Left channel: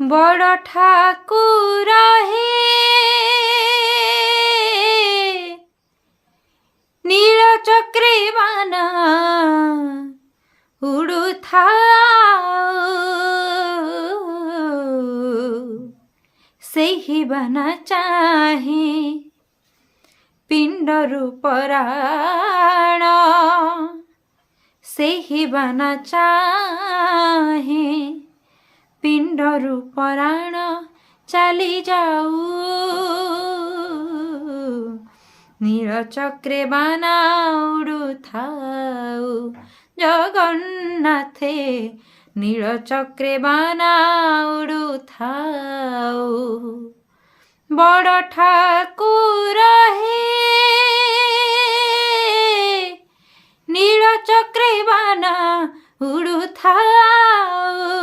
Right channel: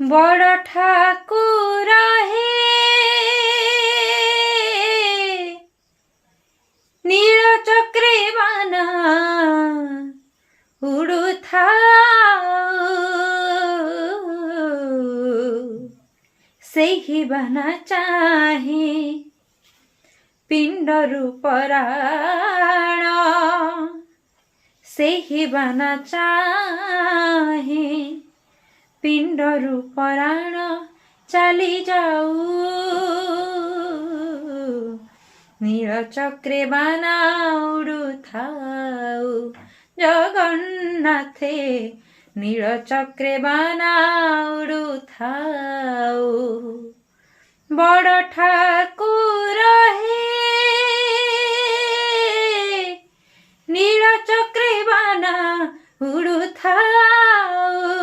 बड़ ठाकुर हे नीलचक्री बाना उड़ुथाऊ ସେହି ବାନା ଚାହିଁ ପିଣ୍ଡରୁ ପରାଣ ସେହି ବାନା ଚାହିଁ ପିଣ୍ଡରୁ ପରାଣ ଚାଲି ଯାଉ ନୀଳଚକ୍ରେ ବାନା ଉଡୁଥାଉ ଜଗନ୍ନାଥେ नीलचक्रे बाना उड़ुथाऊ बड़ ठाकुर हे नीलचक्रे बाना उड़ुथाऊ